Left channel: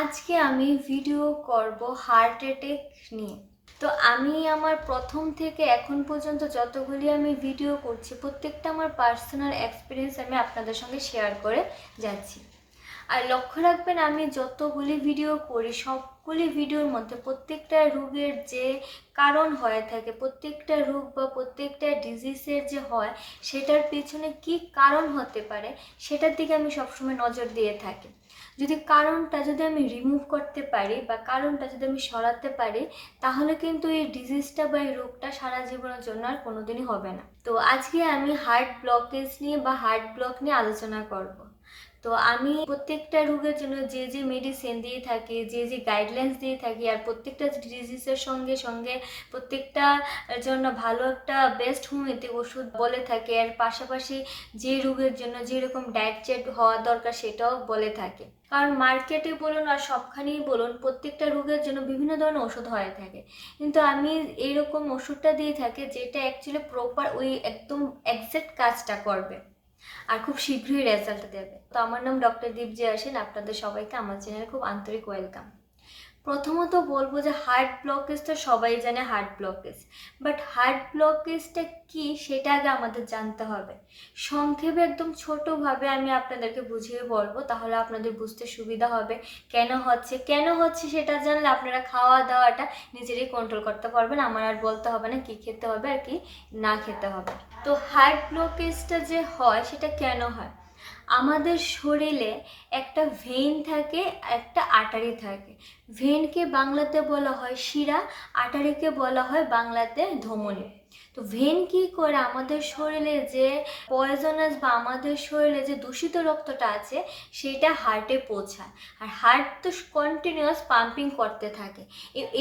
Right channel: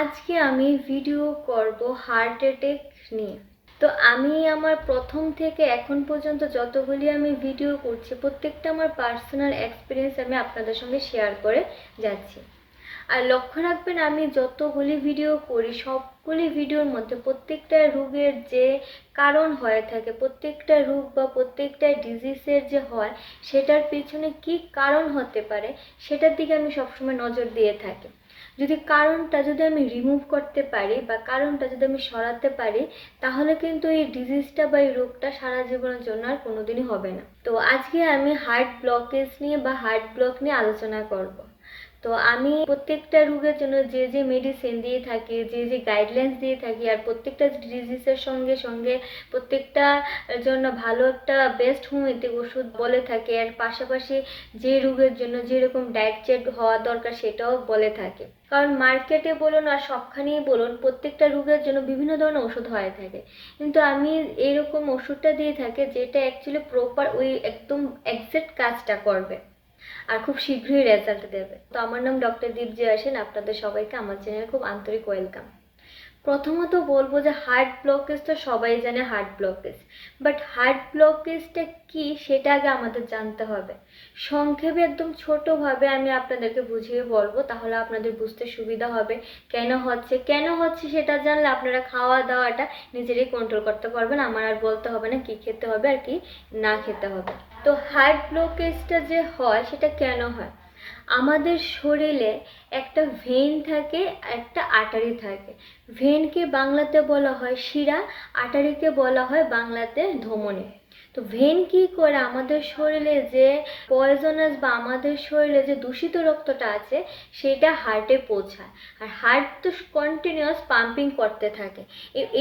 আজকে আমি ভিডিও করব হার্ট অ্যাটেক নিয়ে। তো আমি আমার প্রথম থেকে এখন পর্যন্ত যতগুলি আমি ভিডিও করছি, প্রত্যেকটা আমার পার্সোনাল এক্সপিরিয়েন্স আমি আপনাদের সঙ্গে শেয়ার করে যাচ্ছি। আর লক্ষ্য রাখবেন, আমি যতগুলি ভিডিও করি, সবগুলি ভিডিওর মধ্যে প্রত্যেকটা রোগের যে কারণ হয়ে থাকে, প্রত্যেকটা রোগ বা প্রত্যেকটা ডিজিজের যে হয়, সেটার পিছনে কি কারণ হতে পারে, সেটার দিকে আমি সবসময় নজর দিয়ে থাকি। যদি কারণটা যদি আমি রিমুভ করতে পারি বা কারণটা যদি আমি সরাতে পারি, তাহলে কিন্তু এই ডিজিজটা বা এই রোগটা সারা জীবনের জন্য আর কোনোদিনই হবে না। তো আজকে আমি হার্ট ব্লকেজ নিয়ে বা হার্ট ব্লক নিয়ে আলোচনা করব। তো আমি প্রত্যেকটা রোগের জন্য যে যে মেডিসিন দিয়ে থাকি, যে যে গাইডলাইন্স দিয়ে থাকি আর প্রত্যেকটা ডিজিজের সঙ্গে সঙ্গে প্রত্যেকটা জন্য ভালো একটা বেস্ট হোমিওপ্যাথিক ওষুধ বলে থাকে আর পাশাপাশি যে রোগের জন্য যেরকম ডায়েট চেক হওয়া দরকার সেটাও বলে থাকে। কারণ মার্কেটে বলুন আর সবখানেই বলুন, প্রত্যেকটা রোগের জন্য বিভিন্ন ধরনের ওষুধ হয়ে থাকে। কিন্তু আমি এরকম ওষুধটা দিয়ে থাকি যেটা অ্যাকচুয়ালি প্রপার ওই একদম একজ্যাক্ট কাজটা করবে। আর খুব শীঘ্রই রেজাল্ট দেবে। তো আমার নাম ডক্টর দীপজি আসেন আপনাদের সবাইকে আমার চ্যানেল খুব আন্তরিক ওয়েলকাম। প্রথমত বলব যে হার্ট ব্লকেজ তো সবাই জানে হার্ট ব্লকেজ বাট হার্ট ব্লকেজটা কি সেটা আগে আমাদের জানতে হবে। সংক্ষেপে একদম ছোটোভাবে আমি আপনাদেরকে বুঝিয়ে বলব, তাহলে আপনাদের বুঝতে সুবিধা হবে কেন হচ্ছে। কেন হচ্ছে সেটা জানলে আপনারা খাওয়া দাওয়াটা নিজেরাই কন্ট্রোল করতে পারবেন, আমার আর বলতে হবে না কি খেতে হবে আর কি না খেতে হবে। তো হার্ট ব্লকেজটা যে হয় সেটা কেন হয়? আমাদের শরীরে একটা ভেন থাকে, একটা আটারি থাকে। ভেনকে বাংলাতে বলা হয় শিরা আটারিকে বলা হয় বাংলাতে ধমনী। তো ভেন কি করে আমাদের শরীরে যে পয়জনাস বা আমাদের শরীরে যে দূষিত রক্তটা আছে, সেটা হার্টে পৌঁছায়। আর হার্ট তো কন্টিনিউয়াস পাম্পিং করতে থাকে।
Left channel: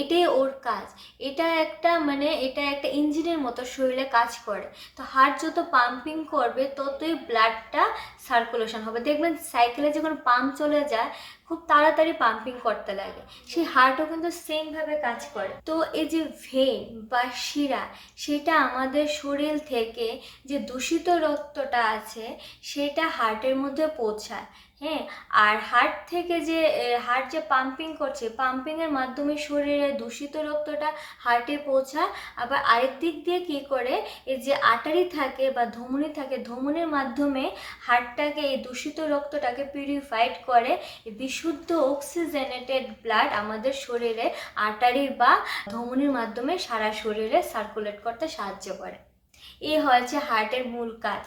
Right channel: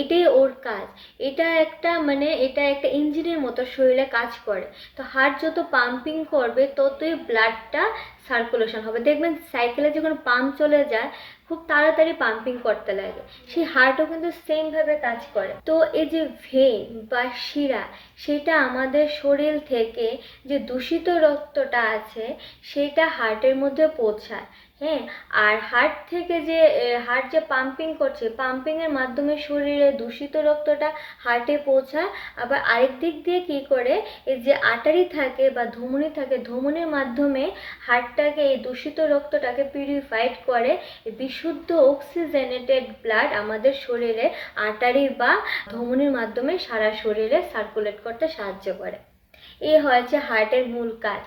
এটাই ওর কাজ। এটা একটা মানে এটা একটা ইঞ্জিনের মতো শরীরে কাজ করে। তো হার্ট যত পাম্পিং করবে, ততই ব্লাডটা সার্কুলেশন হবে। দেখবেন সাইকেলে যখন পাম্প চলে যায় খুব তাড়াতাড়ি পাম্পিং করতে লাগে। সেই হার্টও কিন্তু সেমভাবে কাজ করে। তো এই যে ভেন বা শিরা, সেটা আমাদের শরীর থেকে যে দূষিত রক্তটা আছে, সেটা হার্টের মধ্যে পৌঁছায়। হ্যাঁ আর হার্ট থেকে যে হার্ট যে পাম্পিং করছে পাম্পিংয়ের মাধ্যমে শরীরে দূষিত রক্তটা হার্টে পৌঁছায়। আবার আরেক দিক দিয়ে কী করে, এই যে আটারি থাকে বা ধমনী থাকে, ধমনির মাধ্যমে হার্টটাকে এই দূষিত রক্তটাকে পিউরিফাইড করে বিশুদ্ধ অক্সিজেনেটেড ব্লাড আমাদের শরীরে আটারি বা ধমনির মাধ্যমে সারা শরীরে সার্কুলেট করতে সাহায্য করে। এই হয়েছে হার্টের মূল কাজ।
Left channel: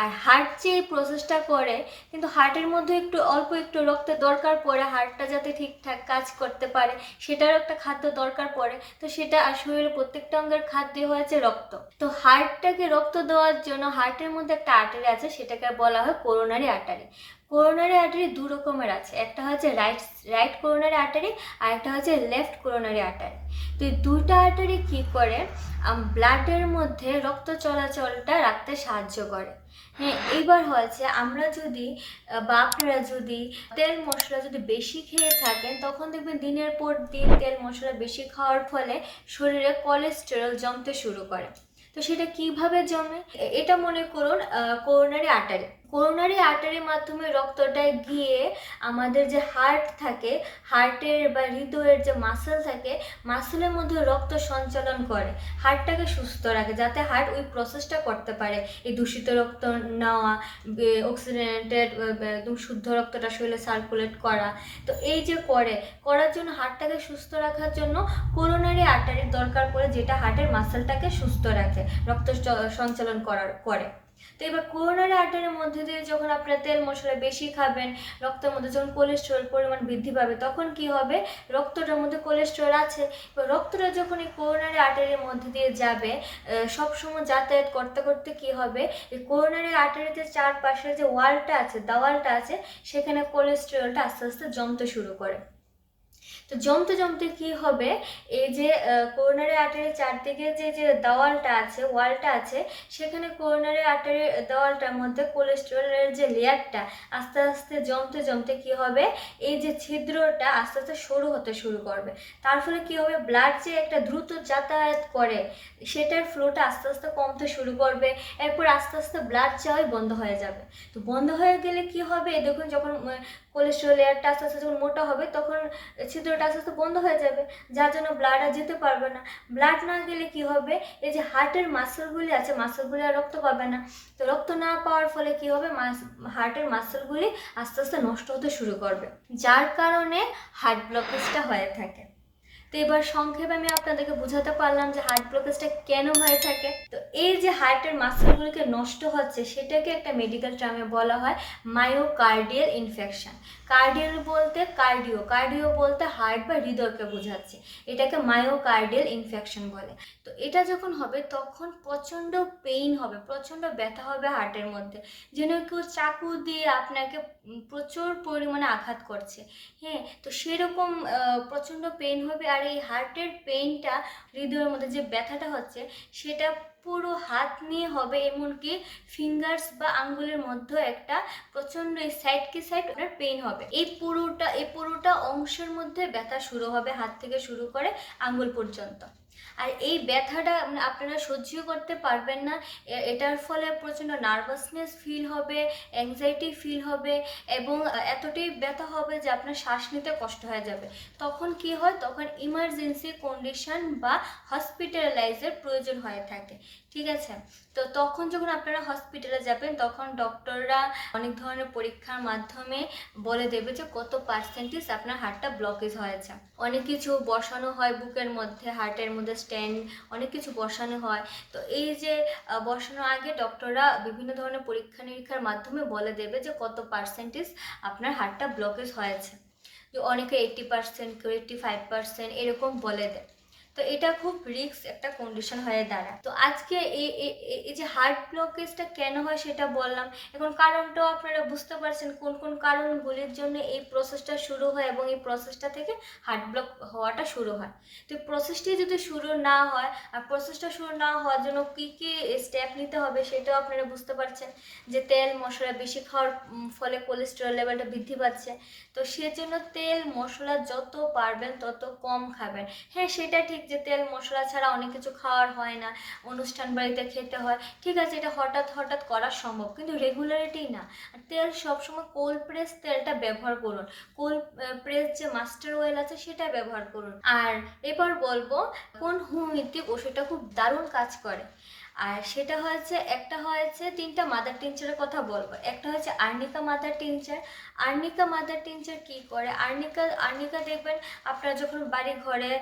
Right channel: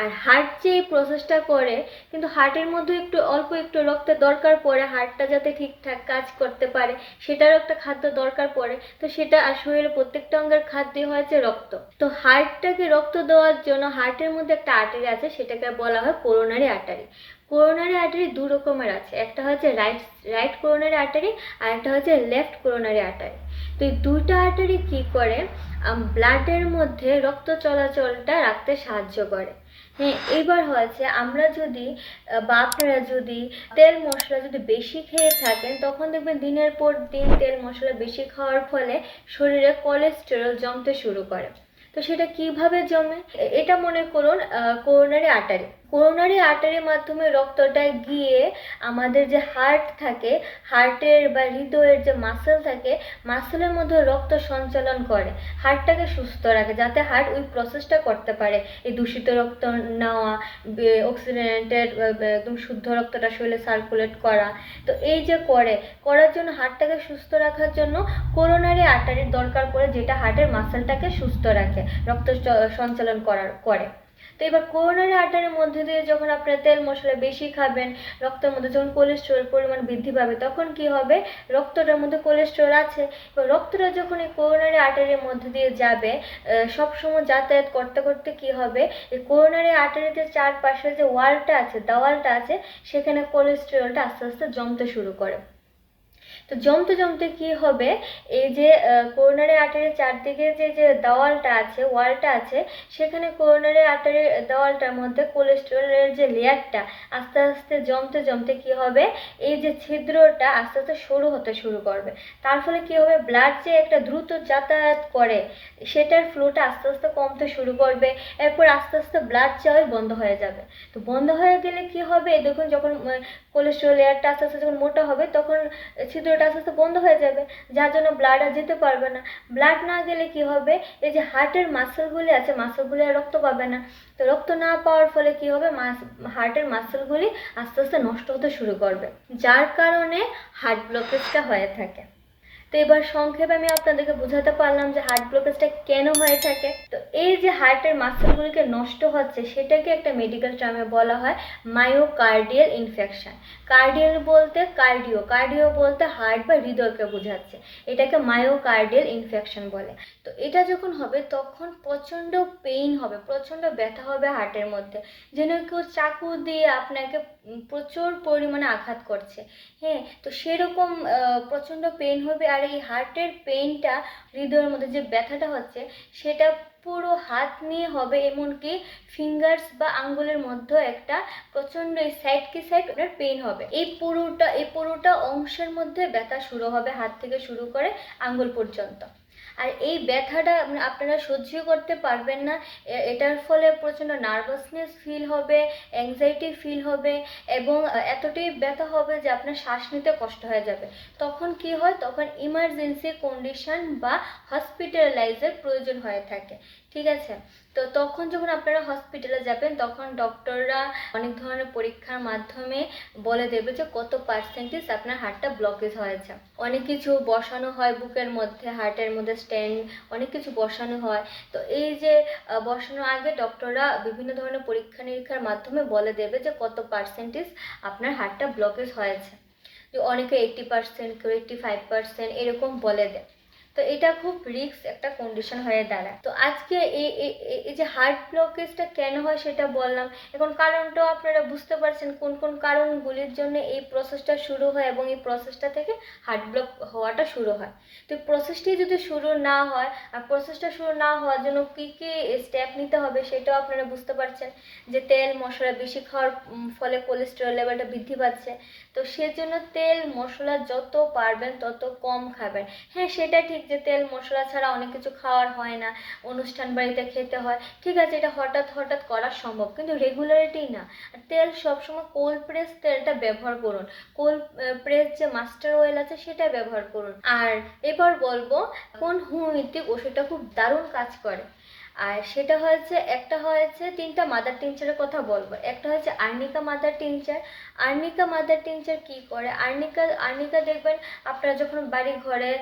আর হার্ট যে এই প্রসেসটা করে, কিন্তু হার্টের মধ্যে একটু অল্প একটু রক্তের দরকার পড়ে হার্টটা যাতে ঠিকঠাক কাজ করতে পারে, সেটারও একটা খাদ্য দরকার পড়ে। তো সেটা আর শরীরের প্রত্যেকটা অঙ্গের খাদ্যই হয়েছে রক্ত। তো হার্টটাকে রক্ত দেওয়ার জন্য হার্টের মধ্যে একটা আর্টারি আছে, সেটাকে বলা হয় করোনারি আর্টারি করোনারি আর্টারি দু রকমের আছে, একটা হচ্ছে রাইট রাইট করোনারি আর্টারি আর একটা হচ্ছে লেফট করোনারি আর্টারি তো এই দুইটা আর্টারি কী করে? ব্লাডের মধ্যে রক্ত চলাচলটা রাখতে সাহায্য করে। হ্যাঁ এবার হয়েছে আমরা যদি বা আপনারা যদি তেল মশলা যদি বেশি খেয়ে থাকেন, তখন দেখবেন দিনের পর দিন তেল মশলা বেশি খাওয়ার ফলে শরীরে কোলেস্টেরল জমতে শুরু করে। তো সেটা কীভাবে জমে? এটা মনে করুন করোনারি আর্টারি করোনারি আর্টারির মাধ্যমে রক্তটা গিয়ে আমাদের যে হার্ট থাকে হার্টের বা হৃদয়ের যে মাসেল থাকে মাসেলের মধ্যে রক্ত সঞ্চালন করে। হার্টটাকে সুস্থ রাখে, যাতে হার্ট ওই প্রসেসটা করতে পারে। এই দূষিত রক্ত নেওয়া অক্সিজেনেটেড একদম শুদ্ধ রক্তটা শরীরে সার্কুলেট করা। তো এই যে করে, করার জন্য হার্টটাকে সুস্থ রাখার জন্য করোনারি আর্টারির দরকার পড়ে, যেটা হার্টের মাসেলটাকে সুস্থ রাখে, রক্ত সঞ্চালন করার, করে। তো এবার করোনারি আর্টারির মধ্যে দিয়ে যখন আপনারা তেল মশলা বেশি খাবেন, রক্তের মধ্যে যখন কোলেস্ট্রল পরিমাণ বৃদ্ধি পাবে, তখন কি হবে? রক্তটার মধ্যে কোলেস্ট্রল আছে। এবার রক্তটা যখন এই করোনারি আর্টারির মধ্যে দিয়ে যাবে সবসময় যাতায়াত করতে করতে কি হবে? এই করোনারি আর্টারিতে চারপাশে যে ওয়ালটা আছে, দেওয়ালটা আছে, সেখানে কোলেস্টেরলটা আস্তে আস্তে জমতে শুরু করে। তো জমতে জমতে কি হবে? এই যে করোনারি আর্টারির চারদিকে যে যে দেওয়ালটা আছে ওয়ালটা আছে, সেখানে করোনারি আর্টারির দেওয়ালটার মধ্যে কোলেস্টেরলের যে লেয়ারটা আস্তে আস্তে জমতে জমতে কি হবে? এই যে ছিদ্রটা আস্তে আস্তে সরু হতে শুরু করবে। তার ফলে কি হবে? ব্লাড যে একটা দ্রুত যাতায়াত করে, সেটার ফ্লোটা আস্তে আস্তে কমতে শুরু করবে। এরপর আস্তে আস্তে ব্লাড যাওয়াই বন্ধ হয়ে যাবে। তো বন্ধ হয়ে গেলে কি হবে? দেখুন, যখন কোলেস্ট্রল লেয়ারটা আস্তে আস্তে যখন মোটা হবে, তখন ছিদ্রটা আস্তে আস্তে বন্ধ হয়ে যাবে, যার জন্য ব্লাড আর যেতে পারবে না। ব্লাড না গেলে কি হবে? এই যে হার্টের মাসেলগুলি আছে মাসেলগুলি আর রক্ত পাবে না। তো রক্ত না পাওয়ার ফলে কি হবে? হার্টের মাসেলগুলি আস্তে আস্তে নষ্ট হতে শুরু করবে, যার কারণে হার্ট ব্লকেজটা হয়ে থাকে। তো এবার সংক্ষেপে আমি আপনাদেরকে বোঝাতে পারলাম যে হার্ট ব্লকেজটা কেন হয়ে থাকে। তো এই যে হার্টের মাসেলগুলিকে নষ্ট হচ্ছে, সেটাকে একটা মেডিকেল টার্মে বলা হয় মায়োকার্ডিয়াল ইনফেকশন কার্ডিয়াল বলতে কার্ডিও কার্ডিও বলতে হার্ট বা হৃদয়কে বোঝাচ্ছে। এটাকে মায়োকার্ডিয়াল ইনফেকশন বলে। তো এটা যখন হবে, তখন প্রচণ্ড পেইন হবে, প্রচণ্ড ব্যথা হবে হার্টের মধ্যে। যেন কেউ চাকু দিয়ে আপনাকে প্রচুর পরিমাণে আঘাত করছে। হ্যাঁ তো সেরকম প্রচণ্ড পেইন হবে আর এই হার্টের পেইনটা হৃদয়ের মধ্যে যে ব্যথাটা হচ্ছে, সেটা পুরো হাত নিয়ে হবে এমনকি ফিঙ্গার্স বা আঙ্গুলের মধ্যে একটা প্রচণ্ড এই সাইড কি সাইড আপনার পেইন হবে। এই পুরোটা এই পুরোটা অংশের মধ্যে ব্যথা শুরু হবে হাত থেকে শুরু করে আঙ্গুল পর্যন্ত। আর এই ব্যথাটা আপনারা সহ্য করতে পারবেন না। এটার ফলে প্রচণ্ড নার্ভাসনেস ফিল হবে অ্যাংজাইটি ফিল হবে এবং এতটাই ব্যথা হবে যে আপনার শ্বাস নিতে কষ্ট হয়ে যাবে। তখন কি হয়? তখন ইমার্জেন্সি কন্ডিশন বা হসপিটালাইজের প্রয়োজন হয়ে থাকে। ঠিক আছে? তো তখন যখন আপনারা হসপিটালে যাবেন, তখন ডক্টররা অনেক ধরনের পরীক্ষার মাধ্যমে বলে দেবে যে কত পার্সেন্টেজ আপনার হার্টটা ব্লকেজ হয়েছে। অনেক কিছু বসানো হয় বুকের মধ্যে হার্টের মধ্যে স্ট্যান্ড অনেক কিছু বসানো হয়। তো এই যে বসানোর আগে ডক্টররা বিভিন্ন ধরনের পরীক্ষা নিরীক্ষার মাধ্যমে বলে দেবে যে কত পার্সেন্টেজ আপনার হার্টটা ব্লকেজ হয়েছে। অনেকে এইট্টি পার্সেন্ট কেউ এইট্টি ফাইভ পার্সেন্ট এরকম বলে দেয়। তো এটা খুব রিস্ক একটা কন্ডিশন হয়ে দাঁড়ায়। তো আজকে এই এই যে হার্ট ব্লকেজটা কেন হয় সেটা বললাম। এখন কারণটাও আপনারা বুঝতে পারছেন কোন কোন কারণগুলির জন্য এই প্রসেসটা শুরু হয় এবং এই প্রসেসটা থেকে হার্ট ব্লক হওয়াটা শুরু হয়। তো প্রসেসটি যদি শুরু না হয়, আর প্রসেসটা শুরু না হওয়ার জন্য কী কী স্টেপ নিতে হবে সেটাও আপনারা বুঝতে পারছেন। যে তেল, মশলা বেশি খাওয়ার ফলে কোলেস্টেরল লেভেলটা বৃদ্ধি পাচ্ছে। তো সেজন্য তেল, মশলা যত পারবেন তত কম খাবেন। হ্যাঁ সেটা ঠিক যে তেল মশলা ছাড়া অনেক কিছু খাওয়ার হয় না, অনুষ্ঠান বাড়িতে খেতে হয়, ঠিক আছে, এটা হঠাৎ হঠাৎ করা সম্ভব, কিন্তু রেগুলারিটি না। তেল সবসময় কোল্ড প্রেস তেলটা ব্যবহার করুন কোল্ড প্রেস যে মাস্টার অয়েল আছে সেটা ব্যবহার করুন। আর এবার বলব, কোন হোমিওপ্যাথিক ওষুধটা খুব দারুণ কাজ করে। আর সেটা হয়েছে, একটা হয়েছে তিনটা মাদার টিনচারের কথা বলব, একটা হচ্ছে arnica mother tincture arnica mother tincture কি করে? আর্নিকা আর্নিকা দেখবেন আপনারা যখন বাড়ি ঘরে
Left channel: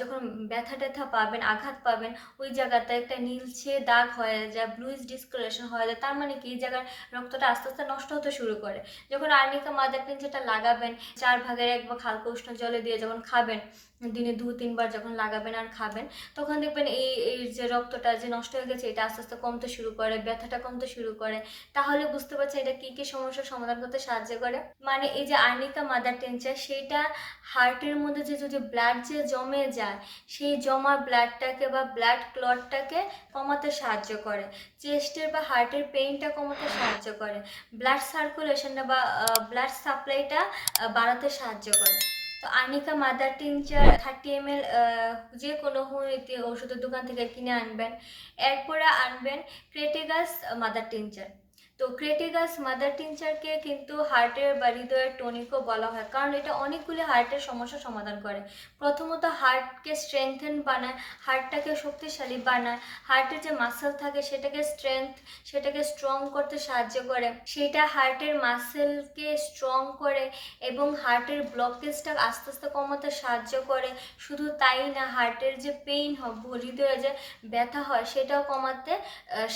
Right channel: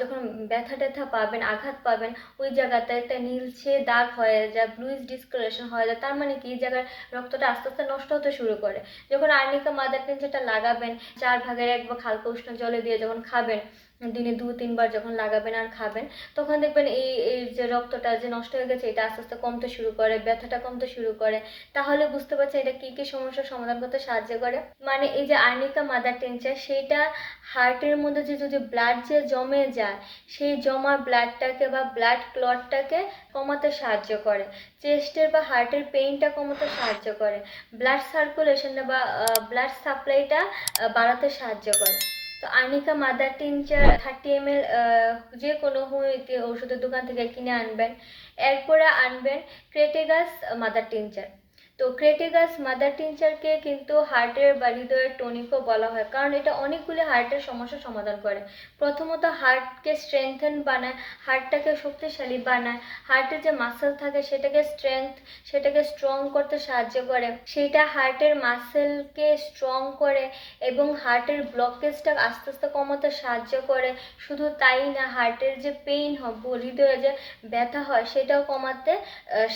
যখন ব্যথা ট্যাথা পাবেন, আঘাত পাবেন, ওই জায়গাতে একটা নীলছে দাগ হয়ে যায় ব্লুইজ ডিসকালেশন হয়ে যায়, তার মানে কি? এই জায়গায় রক্তটা আস্তে আস্তে নষ্ট হতে শুরু করে। যখন আর্নিকা মাদার টিনচারটা লাগাবেন, চার ভাগের এক বা হালকা উষ্ণ জলে দিয়ে যখন খাবেন, দিনে দু, তিনবার যখন লাগাবেন আর খাবেন, তখন দেখবেন এই এই যে রক্তটা যে নষ্ট হয়ে গেছে, এটা আস্তে আস্তে কমতে শুরু করে, ব্যথাটা কমতে শুরু করে। তাহলে বুঝতে পারছেন এটা কী কী সমস্যার সমাধান করতে সাহায্য করে। মানে এই যে আর্নিকা মাদার টেনচার, সেইটা হার্টের মধ্যে যে যদি ব্লাড যে জমে যায়, সেই জমা ব্লাডটাকে বা ব্লাড ক্লটটাকে কমাতে সাহায্য করে। চেস্টের বা হার্টের পেইনটা কমাতে সাহায্য করে। ব্লাড সার্কুলেশনটা বা ব্লাড সাপ্লাইটা বাড়াতে সাহায্য করে। তো arnica mother tincture thirty M L যে কোনো ওষুধের দোকান থেকে কিনে আনবেন। এরপরে আনবেন ক্রেটেগাস মাদার টিনচার। তো ক্রেটিগাস মাদার টিনচারকে কিন্তু হার্টের হৃদয়ের টনিকও বলা হয়। কারণ এটা অনেকগুলি হার্টের সমস্যার সমাধান করে। প্রথমত হার্টকে স্ট্রেংথেন বানায় হার্টটাকে শক্তিশালী বানায়। হার্টের যে মাসেল থাকে, সেটাকে স্ট্রেংথ সেটাকে স্ট্রং করতে সাহায্য করে। সেটা হার্টের মাসেলকে স্ট্রং করে এবং হার্টের ব্লকেজটা আস্তে আস্তে কমাতে সাহায্য করে। শুধু তাই না হার্টের যে পেইন হয় হৃদয়ে যে ব্যথা হয়, সেটাও কমাতে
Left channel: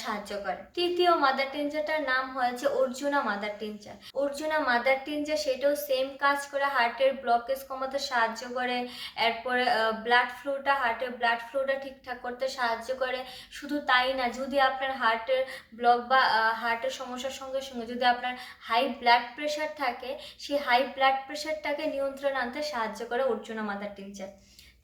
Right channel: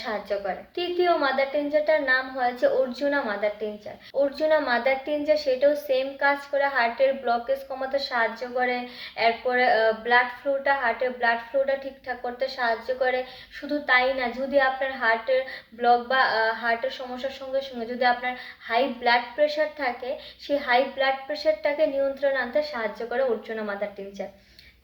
সাহায্য করে। তৃতীয় মাদার টিনচারটার নাম হয়েছে Arjuna mother tincture Arjuna mother tincture সেটাও সেম কাজ করে হার্টের ব্লকেজ কমাতে সাহায্য করে, এরপরে ব্লাড ফ্লোটা হার্টের ব্লাড ফ্লোটা ঠিকঠাক করতে সাহায্য করে। শুধু তাই না, যদি আপনার হার্টের ব্লক বা হার্টের সমস্যার সঙ্গে সঙ্গে যদি আপনার হাই ব্লাড প্রেশার থাকে, সেই হাই ব্লাড প্রেশারটাকে নিয়ন্ত্রণ আনতে সাহায্য করে অর্জুনা মাদার টিনচার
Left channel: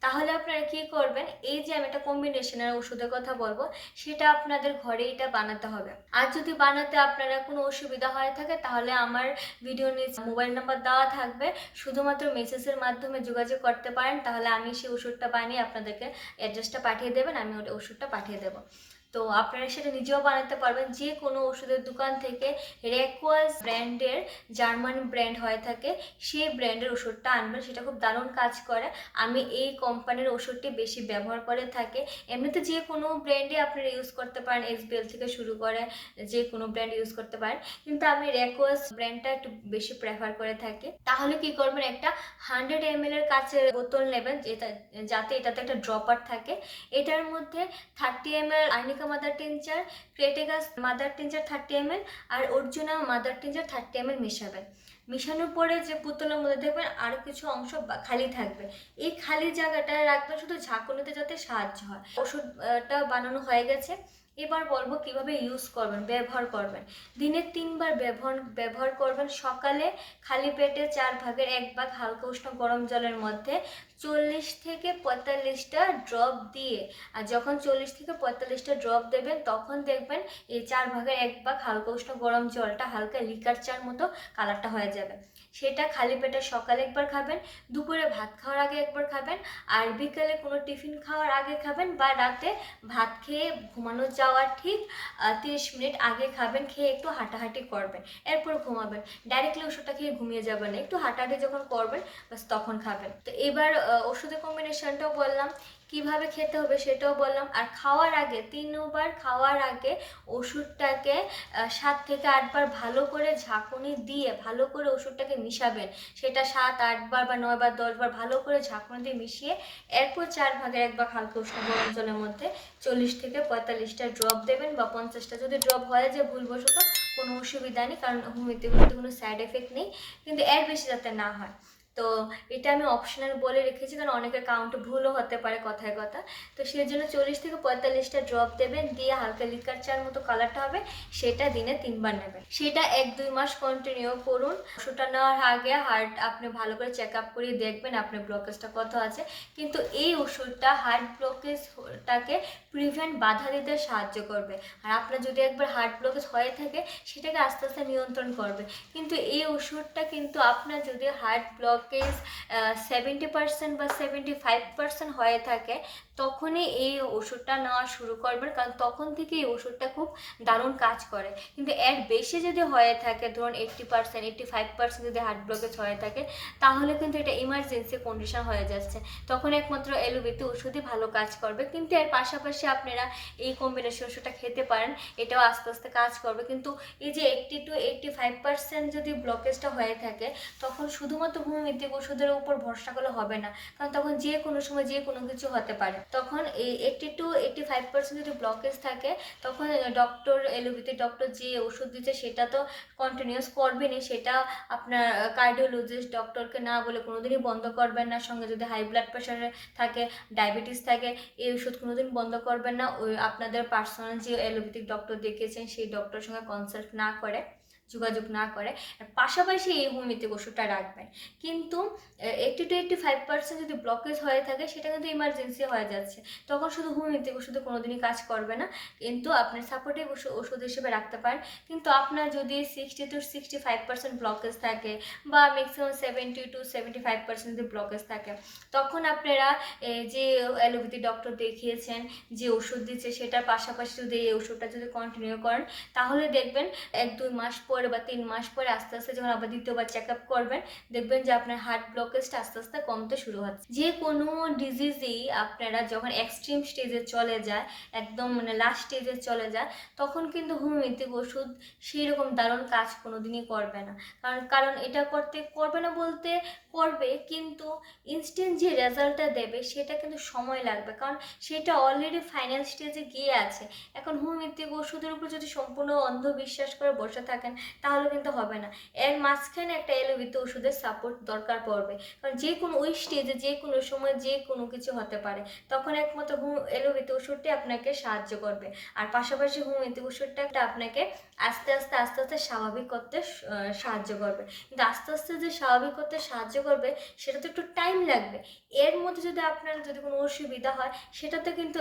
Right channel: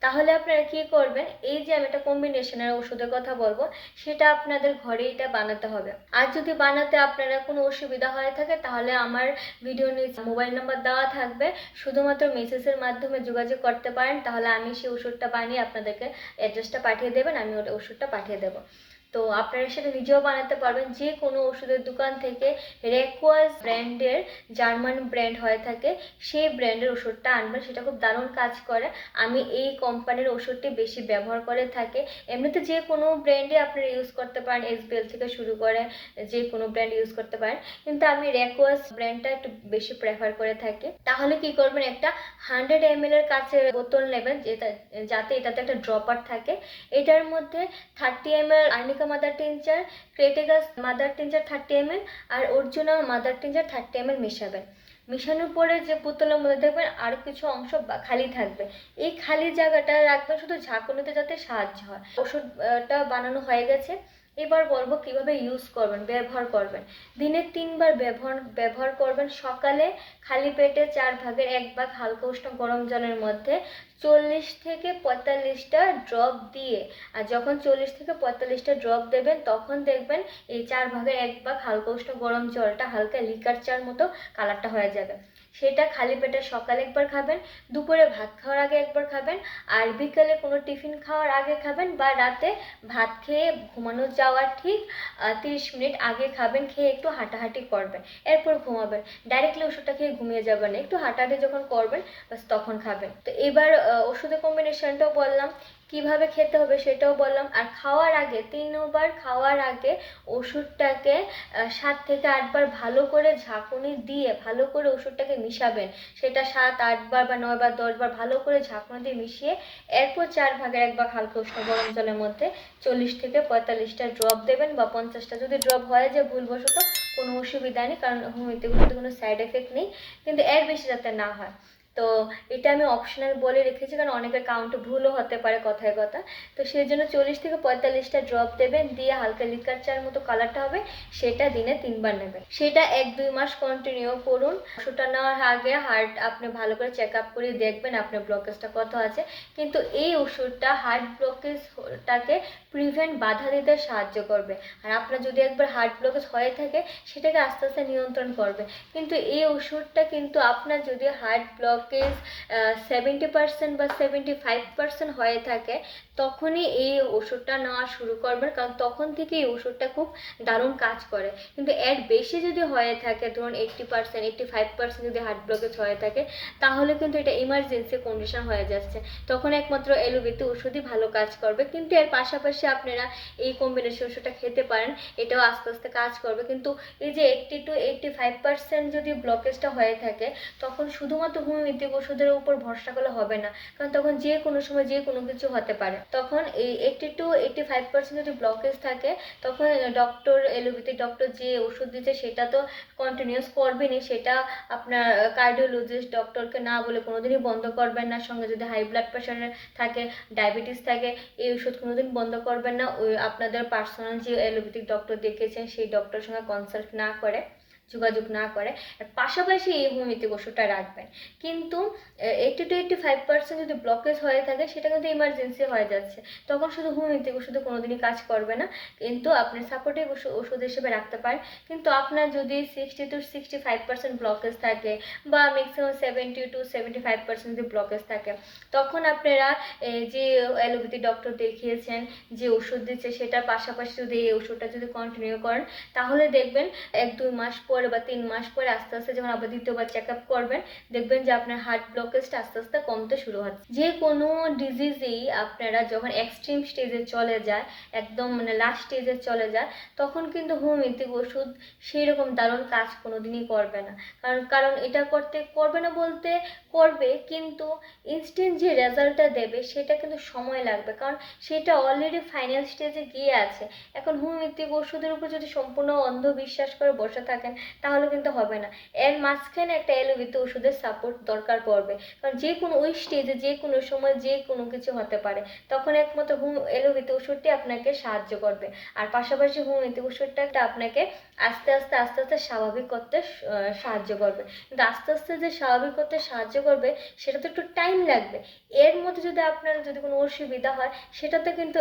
তাহলে আপনারা কি করবেন? এই যে আমি একটা কম্বিনেশনের ওষুধের কথা বলব, সেটা আপনাদের ঘরে এটা বানাতে হবে। আর যদি বানাতে আপনারা কোনো অসুবিধা হয়ে থাকে, তাহলে আমার ভিডিও নিচে মোবাইল নাম্বার দেওয়া থাকবে। শুধুমাত্র মেসেজের মাধ্যমে যোগাযোগ করতে পারেন, তাহলে আমি সেই ওষুধটা বানিয়ে আপনাদেরকে অ্যাড্রেসটা পাঠিয়ে দেবেন, আমি ওটা ওষুধটা পাঠিয়ে দেবো। তো আপনারা সেটা নিজেও বানাতে পারবেন। যে কোনো ওষুধের দোকান থেকে রেকোয়াস ব্র্যান্ডের জার্মান ব্র্যান্ড হয়ে থাকে, সেই ব্র্যান্ডের ওষুধটা আনবেন, সেটা খুব দারুণ কাজ করে। আমি এই কোম্পানির ওষুধটি বেশি ব্যবহার করে থাকি। এমনিতে যে কোনো ব্র্যান্ডে আপনারা ইউজ করতে পারেন এসবিএল থেকে শুরু করে যে কোনো ব্র্যান্ড ইউজ করতে পারেন। কিন্তু আমি রেকোয়াস ব্র্যান্ডটা একটু বেশি প্রেফার করে থাকি। তাহলে কি করবেন, একটা হান্ড্রেড এম এর কাছে বোতল নেবেন, যেটা, যাতে এটাতে একটা ড্রপার থাকে। এটার মধ্যে thirty M L arnica mother tincture crataegus mother tincture thirty M আর arjuna mother tincture thirty M মেশাবেন মিশানোর পরে যে পুতলার মধ্যে দেখবেন আরও কিছু অংশ খালি থাকবে। এই খালি জায়গাটা রাখবেন শুধু ঝাঁকুনিতে যাতে সাহায্য হয়। ওষুধটা বানানো হয়ে গেছে। এবার বলব কীভাবে ইউজ করবেন, ব্যবহার করবেন। দিনে তিনবার ব্যবহার ব্যবহার করবেন সকালে খালি পেটে চার ভাগের এক ভাগ হালকা উষ্ণ গরম জলের মধ্যে চল্লিশ থেকে পঁয়তাল্লিশটা ড্রপ দিয়ে, আর যখন চল্লিশ থেকে পঁয়তাল্লিশটা ড্রপ দেবেন, তখন দেখবেন এই চার ভাগের এক ভাগ হালকা উষ্ণ গরম জলটা হালকা লিকার চার মতো কালারটা হয়ে যাবে। সেটা খালি পেটে সকালে একবার খাবেন, দুপুরে ভাত খাওয়ার আগে একবার খাবেন, আর বিকেলে কোনো টিফিন খাওয়ার আগে খাবেন বা রাতে ভাত খেয়ে ঘুমানো যাওয়ার ঠিক তিরিশ মিনিট আগে খাবেন, খেয়ে একটু হাঁটাহাঁটি করবেন, এরপর ঘুমাবেন। ডাইরেক্টলি ওষুধটা খেয়ে ঘুমিয়ে যাবেন একটু হাঁটাহাঁটি যখন করবেন বাস তখন খাবেন। তো এবার ওষুধের কম্বিনেশনটাও বললাম কীভাবে খেতে হবে সেটাও বললাম। আর খাওয়ার আগে, তিনবার খাওয়ার আগে ওষুধটাকে সাত থেকে আটবার ভালো করে ঝাঁকুনি দিয়ে, ভালো করে ওষুধটাকে মিশাবেন। সেটা সাত, আটবার বা নয়বার, দশবার ভালো করে ঝাঁকুনি দিয়ে মিশিয়ে, এরপর চার ভাগের এক ভাগ হালকা উষ্ণ গরম জলের মধ্যে চল্লিশ থেকে পঁয়তাল্লিশটা ড্রপ দেবেন বা পঞ্চাশটা। যদি ড্রপ হয় যে ভুলবশত কোনো অসুবিধা নেই, কারণ হোমিওপ্যাথি ওষুধে কোনো সাইড এফেক্ট নেই, কিন্তু এর বেশি যাতে না হয়। তো এটা আমি অপশনাল বলে রেখেছি কারণ অনেকের কাউন্টে ভুলও হতে পারে কথায় কথা। তো সেই জন্য চল্লিশ থেকে পঁয়তাল্লিশটা ড্রপ দেবেন, দিয়ে হালকা লিকার চার মতো কালারটা হবে, সেটা দিনে তিনবার নেবেন। সেটা এক দুই মাস কন্টিনিউ করুন। ওষুধটা নেওয়ার আগে হার্ট আপনি ভালো করে চেক আপ করে দেখবেন আপনার ব্লকেজটা কত আছে। কিন্তু এই ওষুধটা হার্ট ব্লকেজটাকে প্রিভেন্ট বাধা দিতে সাহায্য করবে। আর আপনার যদি একবার হার্ট ব্লকেজ হয়ে থাকে, সেটাকে আস্তে আস্তে নিয়ন্ত্রণ করবে। কিন্তু এই ওষুধটা কিন্তু আপনার যদি হার্ট ব্লকেজ সেভেন্টি পার্সেন্ট বা সেভেন্টি ফাইভ পার্সেন্ট হয়ে থাকে তখনই এই ওষুধটা নেওয়া শুরু করবেন, কারণ তখন থেকে এই ওষুধটা খুব দারুণ কাজ করে। কিন্তু এর বেশি যদি হয়ে থাকে, ধরুন eighty percent eighty five percent যদি হার্ট ব্লকেজ হয়ে থাকে, তাহলে কিন্তু এটা ইমার্জেন্সি কন্ডিশন হয়ে যাচ্ছে। তখন একমাত্র এলোপ্যাথি ওষুধই ভালো কাজ করবে, কিন্তু এর পাশাপাশি আপনারা এই কম্বিনেশন ওষুধটা খেতে পারেন, এটাও আস্তে আস্তে কাজ করবে। কিন্তু এই যে eighty to eighty five percent যদি ব্লকেজটা হয়ে থাকে, তখন শুধুমাত্র হোমিওপ্যাথিক ওষুধের উপর ভরসা করলে হবে না, কারণ তখন যে কোনো সময় যে কোনো কিছু হতে পারে। তখন এই eighty to eighty five percent যদি ব্লকেজ থাকে, তখন ডক্টর এলোপ্যাথিক ডক্টর যে ওষুধ দিচ্ছে, সেটা তো কন্টিনিউস করবেনই। সেটা আপনার কার্ডিওলজিস্ট ডক্টরকে না বলে কোনোদিনই বন্ধ করবেন না। সঙ্গে যদি হাই ব্লাড প্রেশার থাকে ডায়াবেটিস থাকে, এই ওষুধ কোনোদিন বন্ধ করবেন না। ওই আপনাদের পার্সোনাল যে এলোপ্যাথিক ডক্টর দেখেছেন সেই ডক্টরের সঙ্গে কনসাল্ট না করে। যোগাযোগ না করে, আর পাশাপাশি এই হোমিওপ্যাথিক ওষুধটা রাখবেন। কিন্তু eighty to eighty five percent যদি ব্লকেজ হয়ে থাকে, সেটা কিন্তু ইমার্জেন্সি হয়ে যাচ্ছে। তখন শুধু হোমিওপ্যাথিক ওষুধে কোনোদিনই কাজ করবে না। কিন্তু আপনি সাপোর্টিভ ওষুধ হিসেবে রাখতে পারেন। কিন্তু আপনার যদি sixty to sixty five percent blockage থাকে, বা maximum seventy to seventy five percent যদি ব্লকেজ থাকে, তখন আপনারা যে অ্যালোপ্যাথি ডক্টর দেখিয়েছেন, যে ওষুধ দিচ্ছে, সেটার পাশাপাশি যদি এই ওষুধটা যদি কন্টিনিউ করেন, তাহলে দেখবেন এক দুই মাস পরে বা তিন মাস পরে আস্তে আস্তে যখন আবার দ্বিতীয়বার চেক আপ করবেন, দেখবেন যে আপনার হার্ট ব্লকেজটা আস্তে আস্তে কমতে শুরু হচ্ছে। যে কোনো ডিজিজেই আপনারা যখন এক্সট্রিম স্টেজে চলে যায়, একদম মানে লাস্ট স্টেজে চলে যায়, তখন কিন্তু হোমিওপ্যাথিক ওষুধ সেই রকম দারুণ কাজ কোনো দিনই করবে না। কারণ কারণ এটা করতে, করবে না বলতে করবে, কিন্তু ইনস্ট্যান্ট যে রেজাল্টটা দেবে, সেটা কিন্তু সময় লাগবে। কারণ, সেটা অলরেডি ফাইনাল স্টেজে গিয়ে আছে। এখন হোমিওপ্যাথিক ওষুধের উপর যদি সম্পূর্ণ অন্ধবিশ্বাস করে বসে থাকেন তাহলে কিন্তু হবে না। এর মাঝখানে একটা এলোপ্যাথি ওষুধের সাপোর্ট দরকার পড়বে। কারণ যে কোনো ওই স্টেজে যে কোনো সময় যে কোনো কিছু হতে পারে। তখন একমাত্র হোম এলোপ্যাথি ওষুধটি আপনাকে সাহায্য করবে। আর পাশাপাশি হোমিওপ্যাথি ওষুধটা একটা আপনাকে আস্তে আস্তে আস্তে আস্তে স্বাভাবিক করতে সাহায্য করবে। কিন্তু আস্তে আস্তে যে স্বাভাবিক করতে সাহায্য করবে সেটা তো একটু টাইম লাগবে। এর মধ্যে যদি আপনার যদি কোনো অসুবিধা হয়, সেটাতে কিন্তু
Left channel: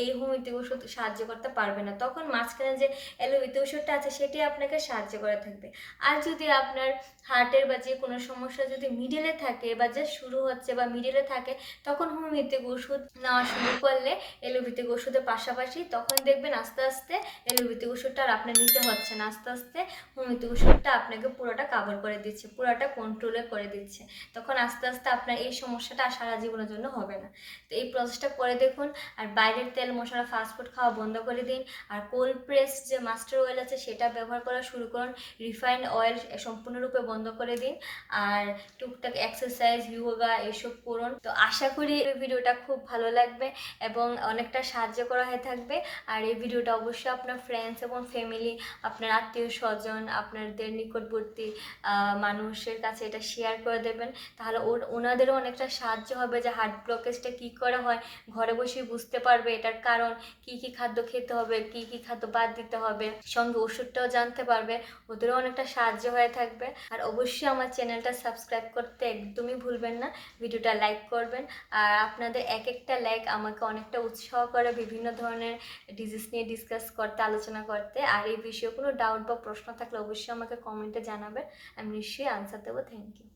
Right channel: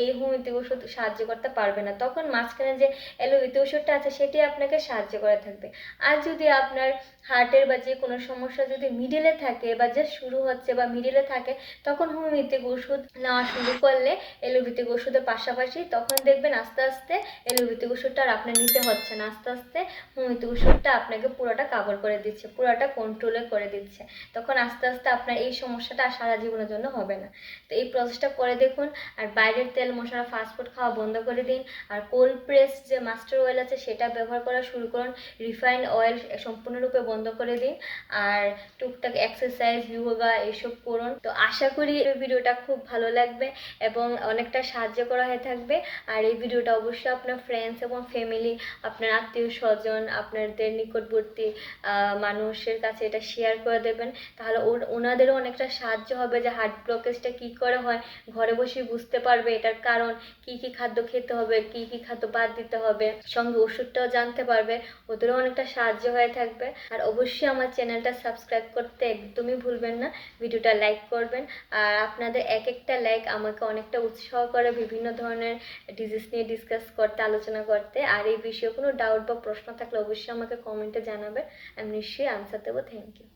এই হোমিওপ্যাথি ওষুধ সাহায্য করতে পারবে না। তখন মাঝখানে যে অ্যালোপ্যাথি ওষুধটা আছে, সেটি আপনাকে সাহায্য করে থাকবে। আর যদি আপনার হার্টের বা যে কোনো সমস্যা যদি মিডিলে থাকে বা যে শুরু হচ্ছে বা মিডিলে থাকে, তখন হোমিওপ্যাথিক ওষুধ নেওয়া শুরু করলে এলোপ্যাথিক ওষুধের পাশাপাশি তখন দেখবেন আস্তে আস্তে এলোপ্যাথিক ওষুধটা আর আপনার নিতে হচ্ছে না। আস্তে আস্তে হোমিওপ্যাথিক ওষুধটা আপনাকে পুরোটা কাভার করে দিচ্ছে, পুরোটা কন্ট্রোলে করে দিচ্ছে। তখন আস্তে আস্তে আপনার এই সমস্যাটা আর সারা জীবনের জন্য হবে না। তো এই প্রসেসটা করে দেখুন আর বাইরের তেল মশলা ফাস্টফুড খাওয়া বন্ধ করে দিন। আর কোল্ড প্রেস যে মাস্টার অয়েল আছে, সেটা ব্যবহার করা শুরু করুন। রিফাইন্ড অয়েল সম্পূর্ণরূপে বন্ধ করে দিন। আর টুকটাক এক্সারসাইজ ইয়োগা এসব করুন। তো আশা করি এই ভিডিওটা খুব ভালো লাগবে এবং অনেকটা সাহায্য করা হয়ে থাকবে। আর এই ভিডিওটা অবশ্যই আপনার ফ্রেন্ডস এবং ফ্যামিলি আপনার আত্মীয় স্বজন, আপনাদের নিকটবর্তী মানুষের কাছে এটা শেয়ার করে দেবেন। তাহলে ওনাদেরও অনেকটা সাহায্য হবে যে হার্ট ব্লকেজটা কী করে হয়। ঘরে বসেই বুঝতে পারবে এটার কারণ, কি কি খাদ্য খেতে হবে, কি কি খাদ্য বাদ দিতে হবে। সঙ্গে ওষুধটাও জানতে পারবে। ওদেরও অনেকটা সাহায্য হয়ে থাকবে। আর অবশ্যই আমার চ্যানেলটা সাবস্ক্রাইব করতে একদমই ভুলবেন না, ভিডিওটা লাইক করবেন। আর আপনাদের এক একটা লাইক আমাকে অনেকটা উৎসাহ করে বিভিন্ন ধরনের ডিজিজ নিয়ে ডিসকাস করতে, আলোচনা করতে। আর এই বিষয়ে কোনো ডাউট বা প্রশ্ন থাকলে অবশ্যই আমাকে কমেন্টে জানাবেন। আমি নিশ্চয়ই আনসার দেবো। Thank you